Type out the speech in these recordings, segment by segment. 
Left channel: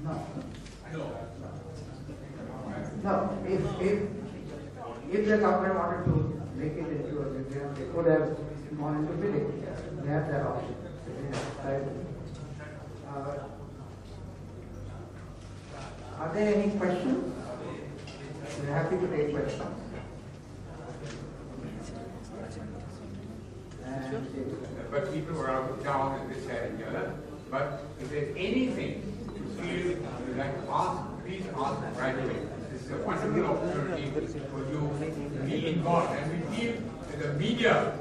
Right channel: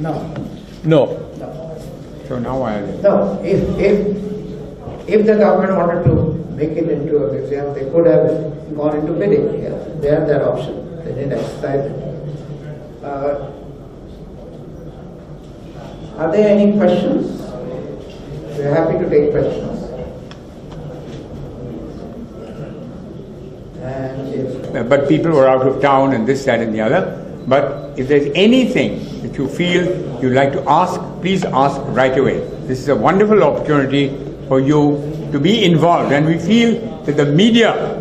No. No. No. So now I... No. If the government wanted to make it into a museum, they could have gone into bidding. Yeah. They have that option. They didn't exercise it. Are there any questions? We're happy to take questions. And But people were out of town and this, that and the other. But if there's anything that you feel you'd like to ask, please ask right away. This is a wonderful opportunity for you to be involved. And we feel that the media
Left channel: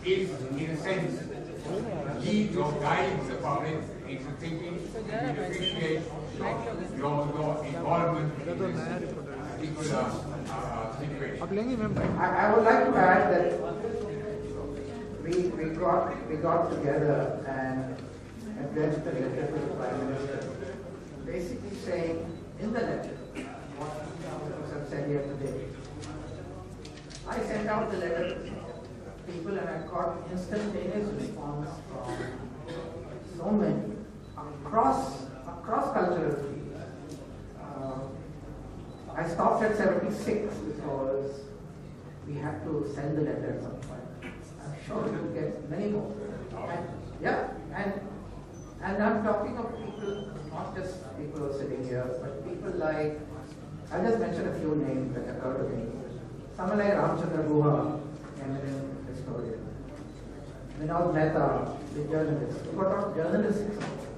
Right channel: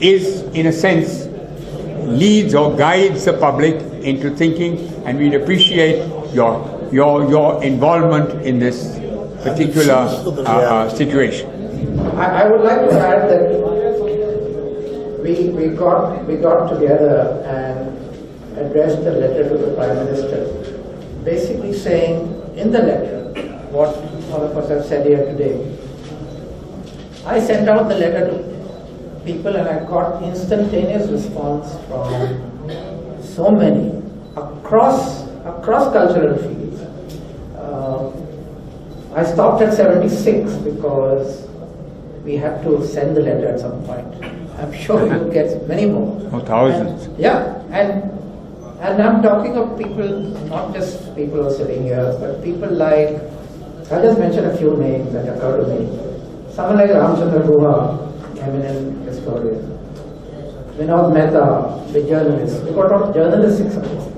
is, in a sense, leads or guides the public into thinking, and we'd appreciate your involvement in this particular situation. I would like to add that we got together and addressed a letter to the Prime Minister, basically saying in the letter what all of us have said here today. I sent out the letter to people and I got instantaneous response from so many across cultural fields. I stopped at 76 because we had to send the letter at some point. I'm sure you'll get many more. Oh, thousands. And I'm talking of people, not just people who are sitting here, but people like, I'll just mention a few names that occur to me. Someone like Ramchandra Guha, eminent historian. Vinod Mehta, the journalist. We've got a lot of journalistic support.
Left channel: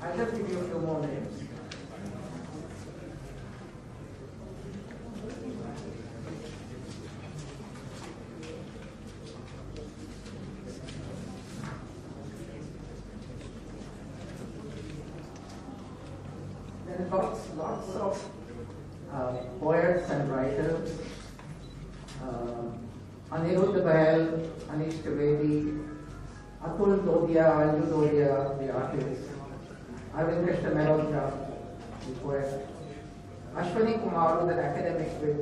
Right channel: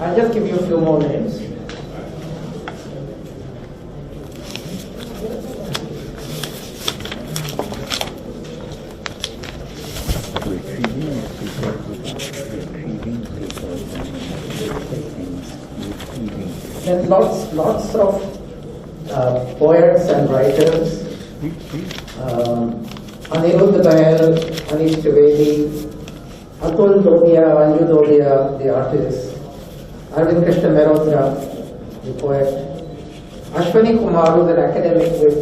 I'll just give you a few more names. Then lots of poets and writers. Anirudh Bael, Anish Trivedi, Atul Dodia, Anju Dodia, the artist, Arvind Krishna Mehrotra, the poet, Ashwani Kumar, who is an academic with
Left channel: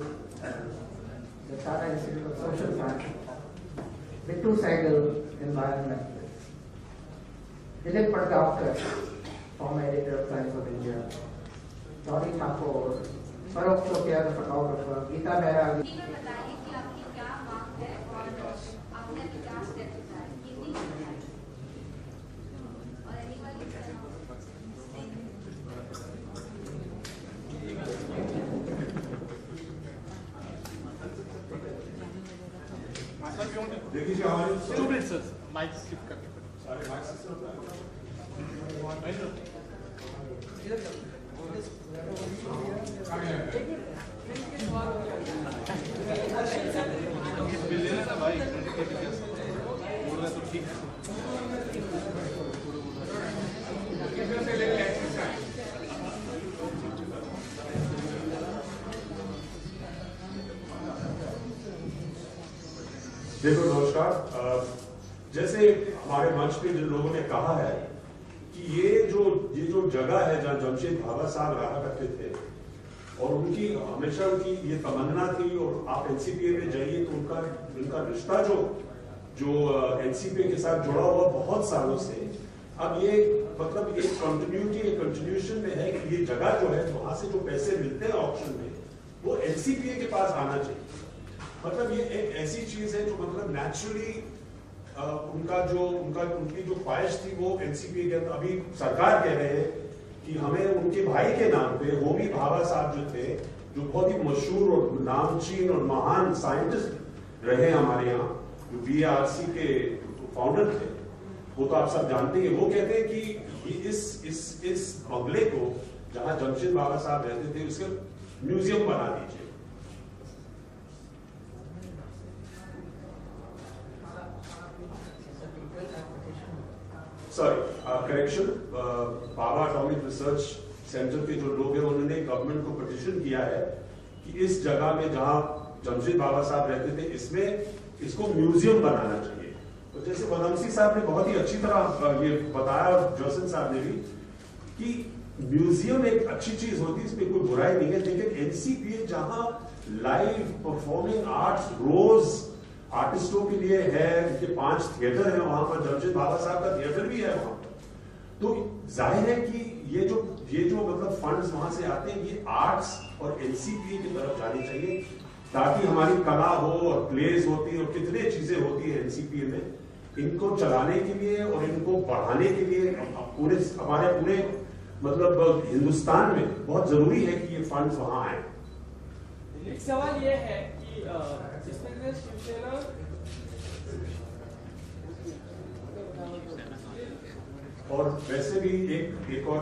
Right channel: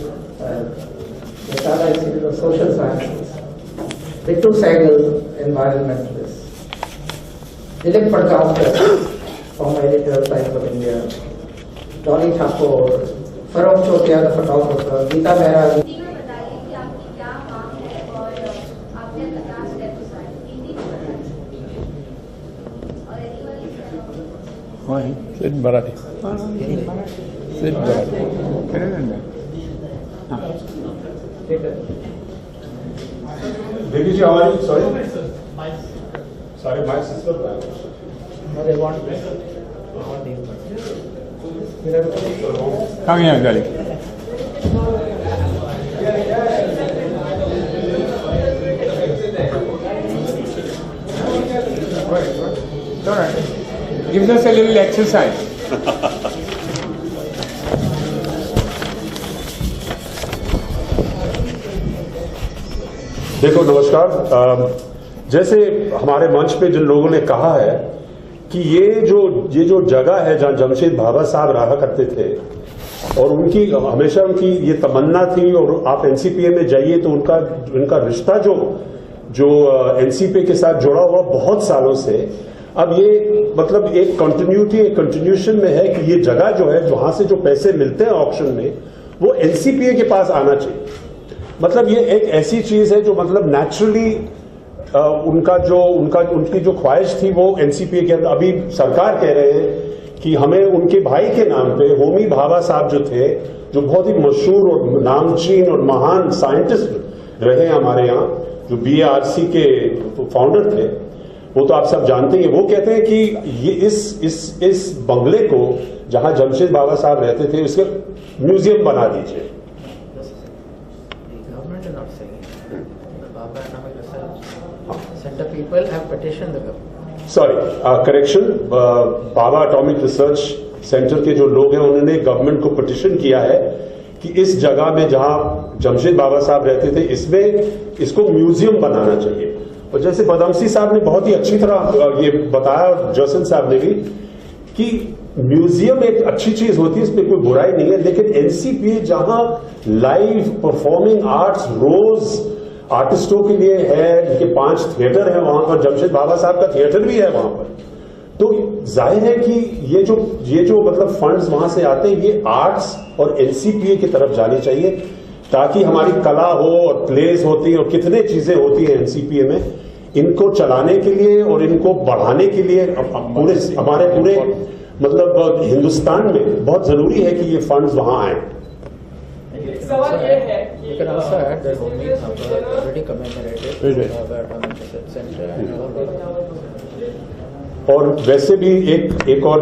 the Tata Institute of Social Sciences, Ritu Sehgal, environmentalist, Dilip Parkavkar, former editor of Times of India, Dolly Thakur, Farokh Chotia, the photographer, Geeta Mehra. Sit Marathi. Sit Marathi. Devi ji, how are you? Sorry? Sorry, my sister. No, they want Come here, darling. It's all right. Gives us a little exercise. देखो नमस्कार। जैसे हमारे मंच पे जिन लोगों ने कहा है कि ये जो जगह है जहाँ जमशेद भाभा साहब रहा करते थे और उनकी हमेशा उनकी ये तमन्ना थी, और आप एनसीपीए में जाइए तो उनका रिश्ता जो एनसीपीए के साथ जुड़ा हुआ बहुत सालों से, अब ये मतलब एक कंटिन्यूशन में है कि ये जगह जो है वहां से जो पैसे मिलते हैं ऑक्शन में वो एनसीपीए के पास आना चाहिए। मतलब ये एक ऐसी चीज है जो मतलब नेचुरली उनकी जो ख्वाहिश थी वो एनसीपीए के, अभी सरकार कह रहे हैं कि हमें उनके भाई के नाम पे होमी भाभा साहब जो थे, जो बहुत ही मशहूर और नामचीन और महान साइंटिस्ट रहे हमारे यहाँ, जो बीएआरसी के फाउंडर थे, वो तो आप सब जानते हैं। वो कहते हैं कि ये इस बंगले को जहां जमशेद भाभा साहब रहते थे उसके म्यूजियम बना दीजिए। Sorry, correction, Bhabha atomic research centre के जो लोग हैं उन्होंने गवर्नमेंट को पिटिशन किया है कि इस जगह में जहां जमशेद भाभा साहब रहते थे इसमें इसको म्यूजियम बनाना चाहिए। और जैसे पदमसी साहब ने बहुत ही अच्छी तरह ये बताया, जॉसन साहब ने भी, कि म्यूजियम एक अच्छी चीज होती है, इसमें कोई बुराई नहीं है, लेकिन एनसीपीए जहां लाइव परफॉर्मिंग आर्ट्स रोज आर्टिस्टों के लिए है, उनके 5 थिएटर है वहां पर, जमशेद भाभा साहब का थिएटर भी है वहां पर, तो जाहिर है कि ये जो मतलब फंड्स वहां से आते हैं, ये आर्ट्स और एनसीपीए की तरफ जानी चाहिए, ताकि हमारी कला हो और प्लेस होती हैं और कितने चीजें होती हैं एनसीपीए में, इनको चलाने के लिए और इनको बढ़ाने के लिए हमारे पूरे मतलब हिंदुस्तान में बहुत जरूरी है कि ये फंड्स वहां आए। सवाल ये है कि You can also add that Homi Bhabha already commemorated Bhabha Atomic Research Center and और वैसे भी एक और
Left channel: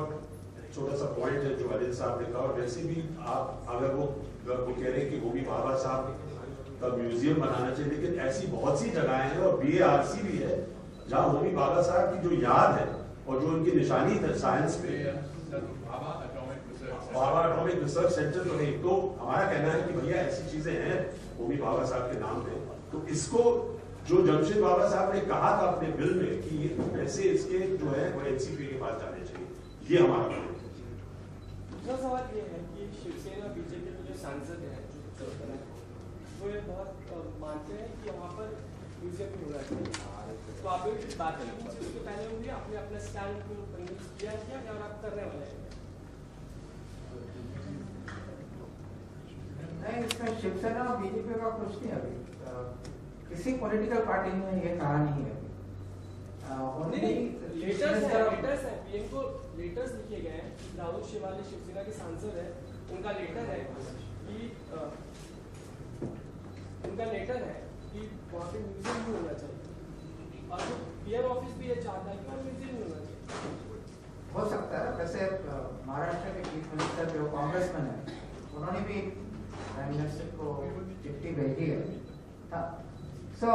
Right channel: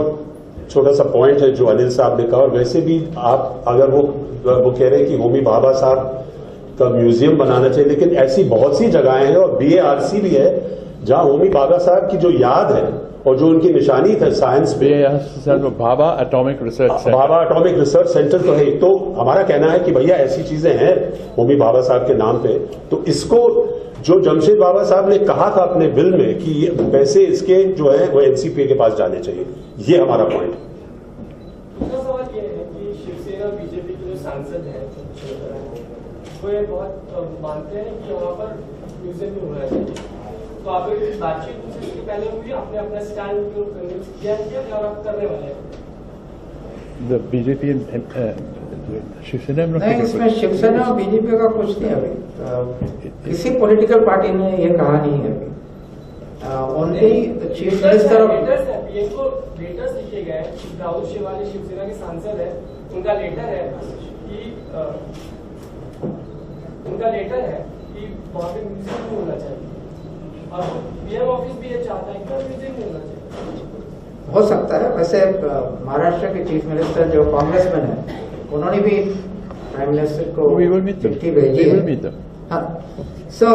छोटा सा पॉइंट है जो अनिल साहब ने कहा, और वैसे भी आप अगर वो कह रहे हैं कि होमी भाभा साहब का म्यूजियम बनाना चाहिए, लेकिन ऐसी बहुत सी जगहें हैं और BARC भी है जहां होमी भाभा साहब की जो याद है और जो उनकी निशानी है साइंस में, Bhabha atomic research centre, Bhabha atomic research centre तो है। तो हमारा कहना है कि भैया ऐसी चीजें हैं होमी भाभा साहब के नाम पे, तो इसको जो जमशेद बाबा साहब ने कहा था अपने बिल में कि पैसे इसके जो है वो एनसीपीए के पास जाने चाहिए, ये हमारा पॉइंट है। दूसरा सवाल ये है कि शिवसेना और बीजेपी के जो सांसद हैं वो ये बहुत मानते हैं कि वहाँ पर म्यूजियम भी होना चाहिए, तो आप एक बातचीत उसके पहले हुई, आपने अपना स्टैंड किया और आप करने वाले हैं? बीजेपी शिवसेना में नहीं, इसमें शिवसेना और बीजेपी का कुछ नहीं है अभी, किसी पॉलिटिकल पार्टी ने ये कहा नहीं है अभी, only the chief minister letters लिखे गए हैं, राहुल शिवानी शिवसेना के सांसद है, उनका लेटर है कि वहाँ पे म्यूजियम होना चाहिए, और पीएम ऑफिस भी ये चाहता है कि म्यूजियम होना चाहिए। हो सकता है, वैसे महाराष्ट्र के चीफ मिनिस्टर जो कांग्रेसमैन है उन्होंने भी प्राइम मिनिस्टर को चिट्ठी भेजी है। हाँ, सो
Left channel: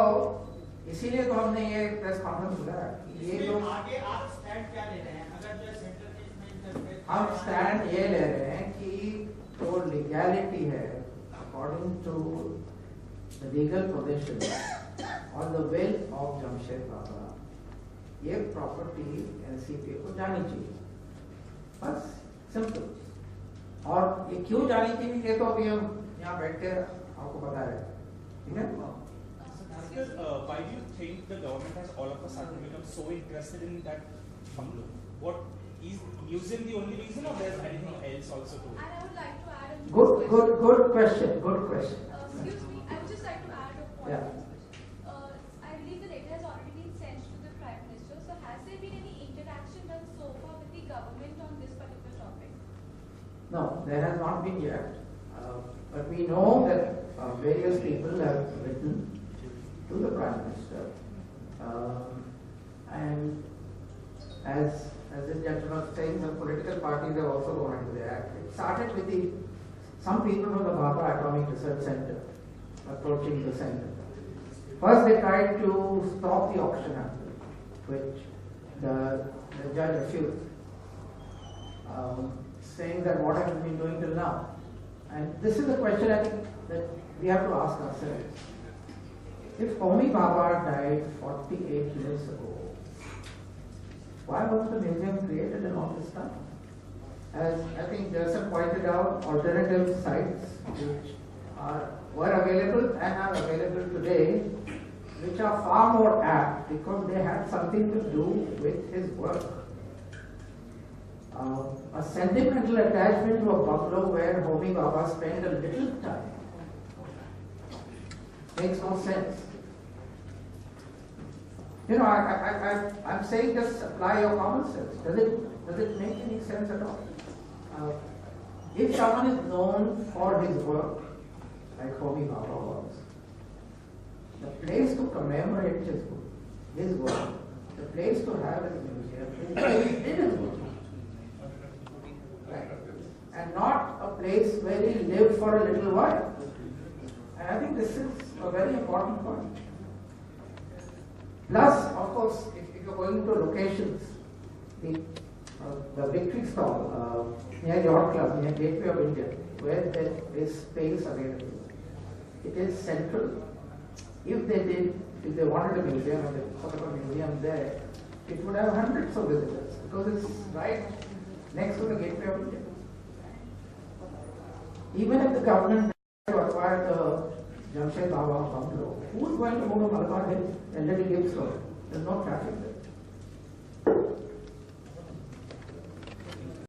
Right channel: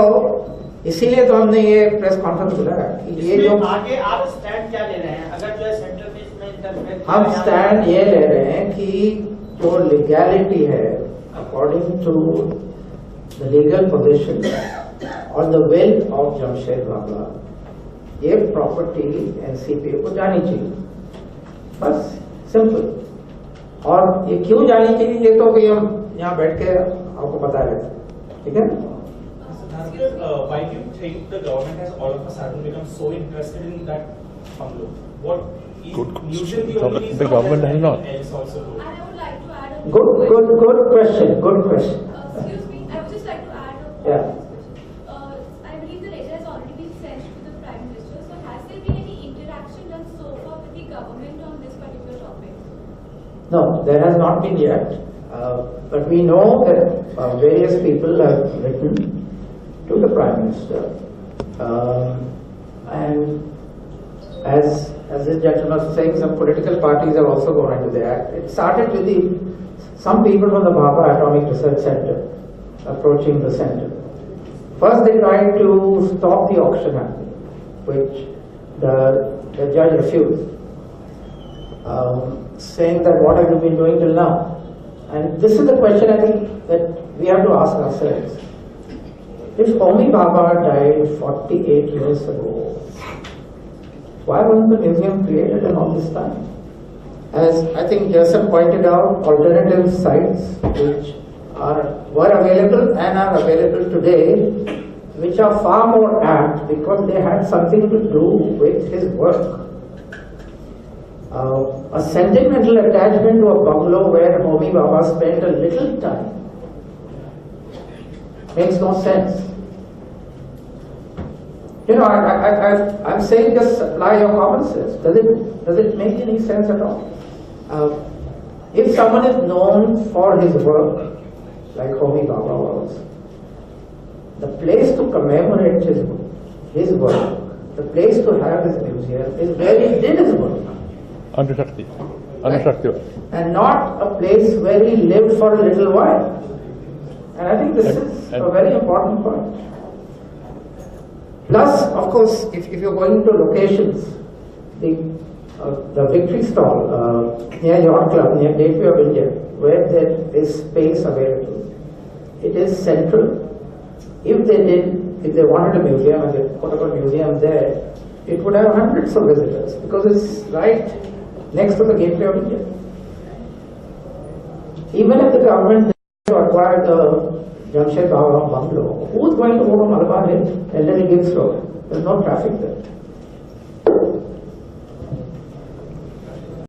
इसीलिए तो हमने ये प्रेस कॉन्फ्रेंस बुलाया कि ये जो आगे आप स्टैंड क्या ले रहे हैं, अगर जो है सेंटर में इसमें इंटरफेयर, हम स्टैंड ये ले रहे हैं कि जो लीगैलिटी है according to the legal position और the wealth of Jamshed Baba, ये प्रॉपर्टी एनसीपीए को जानी चाहिए, बस सिंपल। और ये क्यों जानी चाहिए ये तो भी हम यहाँ बैठ के आपको बता रहे थे, ठीक है। Why do you think the government has all of a sudden become so interested in that bungalow? What is usually the only reason? The government has not. Else also do? And I would like to add a Good question. Good question. excuse me, I would just like to add a Yeah. I believe the letter has already been sent to the Prime Minister. So has there been any interaction done so far with the government on this particular topic? No, there has not been yet. But we know that various people have written to the Prime Minister. And as this gentleman was saying, some political parties have also gone into the act. It started with some people from the Bhabha Atomic Research Center approaching the center. First they tried to stop the auction happening, which the judge refused, saying that what have you been doing till now? And this is the question I think that we have to ask ourselves. If Homi Bhabha died 48 years ago, why wasn't the museum created in all this time? As I think Jason pointed out, alternative sites which were available and are available today, which are far more apt because they had something to do with his work. A sentimental attachment to a bungalow where Homi Bhabha spent a little time makes no sense. You know, I'm saying just apply your common sense. Does it make any sense at all? If someone is known for his work, like Homi Bhabha was, the place to commemorate his work, the place to have his museum is where he did his work. Anushakti. And not a place where he lived for a little while. And I think this is a very important point. Plus, of course, if you're going to locations, the Victory Stall near Yacht Club, near Gateway of India, where there is space available, it is central. If they wanted a museum and they put up a museum there, it would have hundreds of visitors because it's right next to the Gateway of India. Even if the government to acquire the Jamshed Bhabha bungalow, who's going to go to Malabar Hill and Little Gibbs Road? There's no traffic there.